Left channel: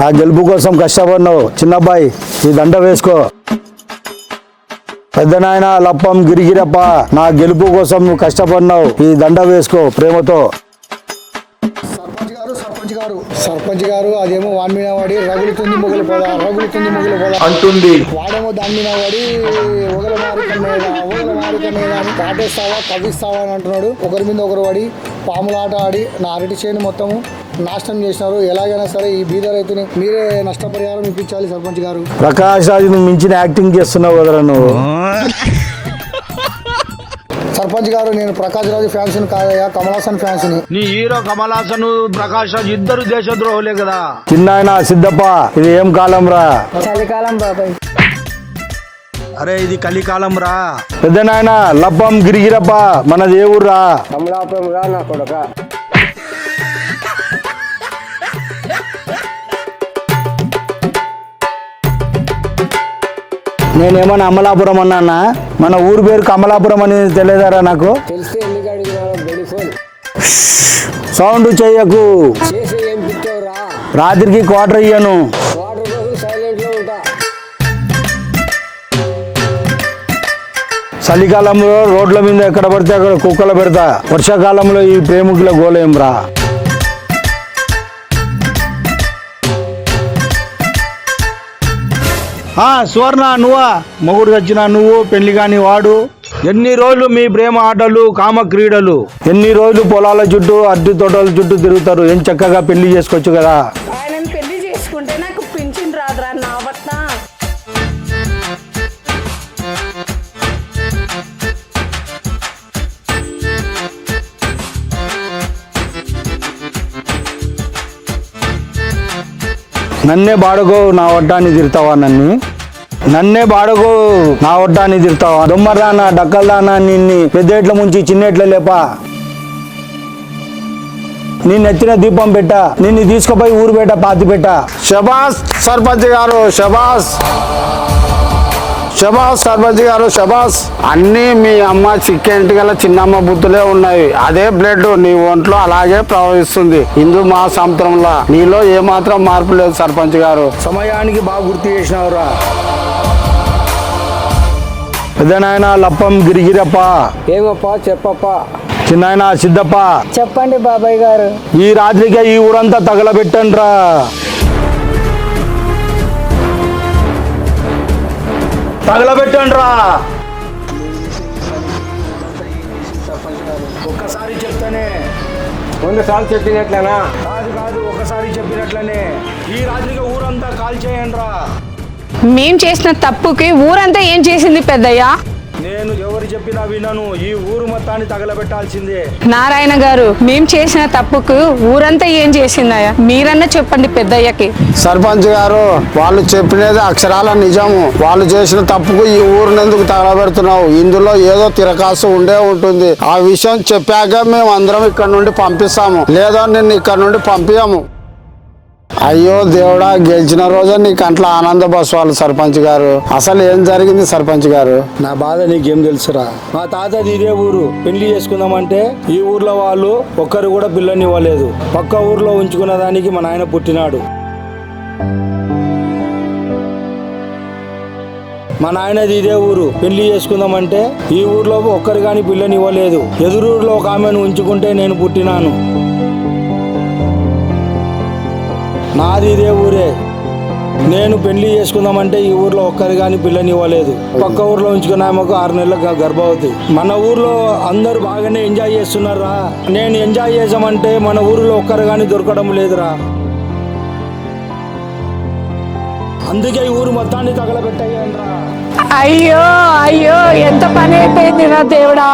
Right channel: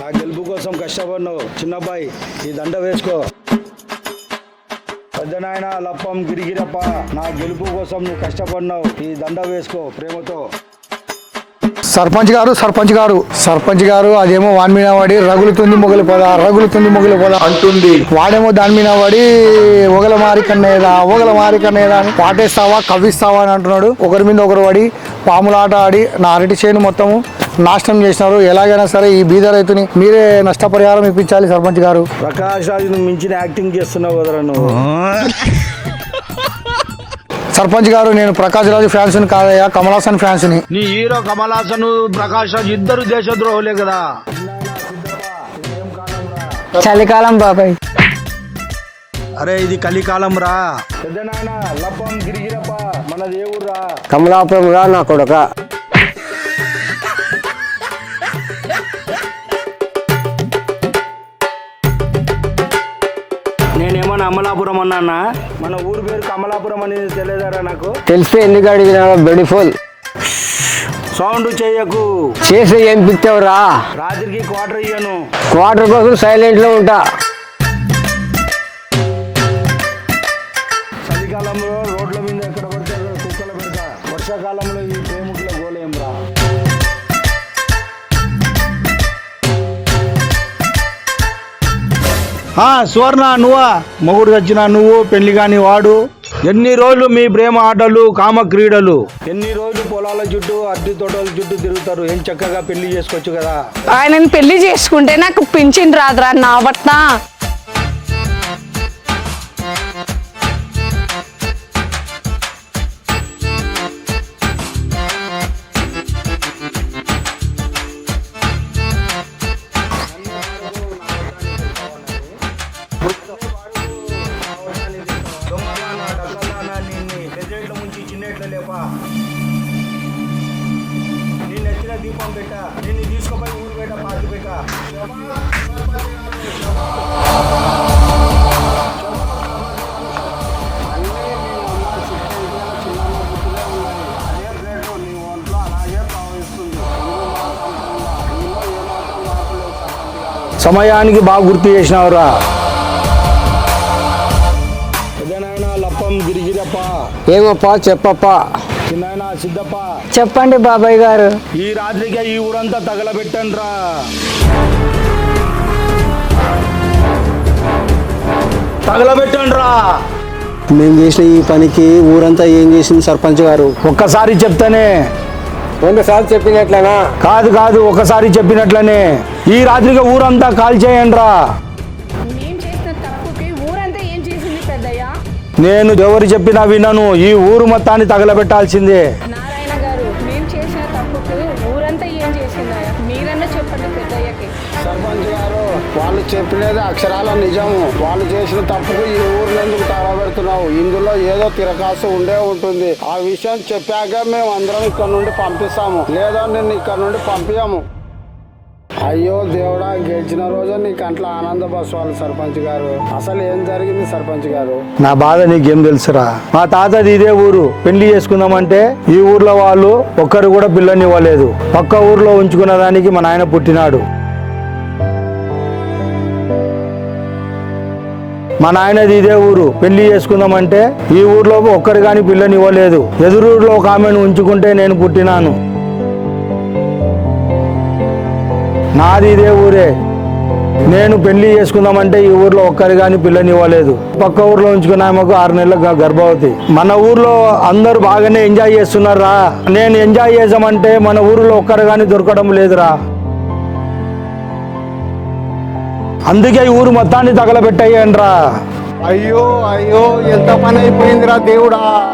నా గెలుపు కోసం కష్టపడినావు చిన్నబ్బాయి, ఈ దండ వేసుకో. పెద్ద నాయన లప్పం గిరిగిరప్ప, నా గెలుపు కోసం నువ్వు కష్టపడినావు, ఈ దండ వేసుకో ప్రేమతో. సర్పంచ్ గారు అదేమో వాని మీద పడి రగులుతుంది మొగలు పోదా అంటుంది. వాడేమో దాని మీద పడి ఒగల మారి కన్నేదా అని పాటేస్తావా కవ్విస్తావా అని అంటున్నాడు. ఒకరి మీద ఒకరు పడి పాములాట ఆడి నా అరటి చేను మొత్తము నాశనం చేసినారు. ఎలాగైనా సరే ఈ బీద రైతుని మీరే నష్టపరిహారం ఇప్పించాలి సర్పంచ్ గారు. ప్రకాష్ రాజు మించిన యాక్టింగ్ చేస్తున్నావు కదరా నువ్వు. సర్పంచ్ గారు నేను ప్రకాష్ రాజు ఫ్యాన్స్ కాదయ్యా, కమల్ హాసన్ ఫ్యాన్స్ ని. నీ హీరో కమల్ హాసన్ ప్రకాష్ రాజు ఇద్దరు దేశద్రోహులే కదా. చిన్నాయన సిద్ధప్ప, ఇది ఏం కాలం రా? చలికాలం బాబాయ్. అరే ఇది కలికాలం రా. పెద్ద నాయన లప్పం గిరిగిరప్ప, మనది ఏ ఊర్రా? కమలాపురం రా నా కొడక. నేనేమన్నా అమలాపురం అన్నా? మన ఊరు పేరు కమలాపురం అని తెలియదారా నాకు? తెలిస్తే ఎందుకు అడిగినా బెడిఫుల్. సౌండ్ చెయ్యకు. చేసి ఏం పిచ్చావురా? రాత్రికి క్వార్టర్ ఇయ్యను. క్వార్టర్ కోసం సైలెంట్ లో ఉంటా. చలికాలంలో రోడ్ల మీద ఎక్కడ పడితే అక్కడ కుక్కలు పెడతా. వర్షాకాలంలో ఈ ప్రేమికుల గోలేం రా. సువర్ణ నువ్వా? మొగుడు వచ్చినా నువ్వు, పెళ్లి కాని వాడు. ఎన్ని రోజులు మీ ప్రేమ ఆటలు కామ క్రీడలు? ఎన్ని రోజులు పొలాల చుట్టూ అడ్డు తోటల చుట్టూ తిరుగుతారు? ఏం చక్కగా పెళ్లి చేసుకోవచ్చు కదా. ఆయనని పెళ్లి చేసుకుంటే నాకు పింఛన్ రాదురా నా బట్ట. నన్నే బాడుగో నా వడ్డాన్ని తిరుతావా? నన్నే బాడుగో నా వడ్డాన్ని తిరుతావా? దొమ్మరానా డక్కల్దానా, నిన్ను పెద్దేట్ల ముంచి చిన్నేట్ల లేపా. నిన్ను ఎత్తిన దీపం పెట్టా, నిన్ను తీసుకుపోయి ఊరు పెట్ట పాతి పెట్టా. శబాస్ సర్పంచ్ గారు, శబాస్ సర్పంచ్ గారు, శబాస్. అన్నీ మీ అమ్మ చిక్కెంటి గల చిన్నమ్మ బుద్ధులే ఉన్నాయి. అదే బ్లడ్ నీ ఒంట్లో అలాగే ప్రవహిస్తుంది. హిందూ మహాసముద్రంలో నీలో ఏమాత్రం మార్పు లేదు సర్పంచ్ గారు. సమయానికి బాగా గుర్తు చేసినావురా. పెద్దనాయన లప్పం గిరిగిరప్ప. ఏమప్పా చెప్పప్ప. చిన్నాయన సిద్ధప్ప. చెప్పండి బాబాయ్ గారు. ఈ రాత్రికి ఈ ఊరంతా తగలబెట్టండి రా. తగలబెట్టండి రా. మేము చేసిన ఈ పనికి ఊరంతా ఏం చేసింది సర్పంచ్ గారు? ఒక్కసారి చెప్తానే. 100 సార్లు చెప్పినట్లేనా? కాదు, ఒకసారి చెప్పినట్లనే. ఈ రాత్రికి ఊరంతా కాల్ చేయండి రా. మేం చేసిన తప్పుకి ఊరంతా ఏం చేసింది పెద్దయ్య? నేను ఎవరు చెప్పినా వినను. ఈ ఊరు మొత్తాన్ని తగలబెట్టాల్సిందే. నారాయణ గారు, మేం చేసిన తప్పుకు ఊరంతా ఏం చేసిందయ్యా? మీరన్నా చెప్పండి పెద్దయ్యకి. సర్పంచ్ గారు, వాళ్ళు చెప్పినది అక్షరాల నిజము. వాళ్ళు చేసిన తప్పుకు ఈ ఊరిని ఎందుకు తగలబెడుతున్నావు? ఇందులో ఏదో తిరకాసు ఉండే ఉంటుంది. ఆ విషయం చెప్పాక మేము అందరం ఇక్కడ నుండి పంపిస్తాము, లేదా నిన్ను ఇక్కడ నుండి పంపించము. అయ్యో దేవుడా, గెలిచిన రోజు నీ కంట్లో ఆనంద బస్వాలు సర్పంచ్ గారు. అసలు ఏం జరిగింది సర్పంచ్ గారు? నా బాధ నీకేం తెలుసురా? మా తాతది ఇదే ఊరు. పెళ్లి చేసుకుందామంటే ఈ ఊర్లో వాళ్ళు ఒక్కరు కూడా పిల్లని ఇవ్వలేదు. పక్క ఊర్లో ఉంచుకున్న దానికి మా నాయన పుట్టినాడు. మా నాయనది ఇదే ఊరు. పెళ్లి చేసుకుందామంటే ఈ ఊర్లో ఒక్కరు కానీ పిల్లని ఇవ్వలేదు. ఎదురూరులో ఒక ఆమెను ఉంచుకుంటే నేను పుట్టినాను. నాది ఇదే ఊరే. నేను పెళ్లి చేసుకుందామంటే ఈ ఊర్లో ఒక్కరి కానీ పిల్లని ఇవ్వలేదు. పక్క ఊర్లో ఉంచుకున్న ఆమెకు 6 నెలల గర్భవతి. మన ఊర్లో అందరు బాగానే ఎంజాయ్ చేస్తున్నారా? నేను ఎంజాయ్ చేసామంటే మన ఊరిలో ఒక్కరు కానీ దొరకడం లేదురా. అందుకే ఈ ఊరు మొత్తాన్ని తగలబెట్టయ్యండ్రా. అయ్యో ఎంత పని అయిపోయిందిరా దేవుడా.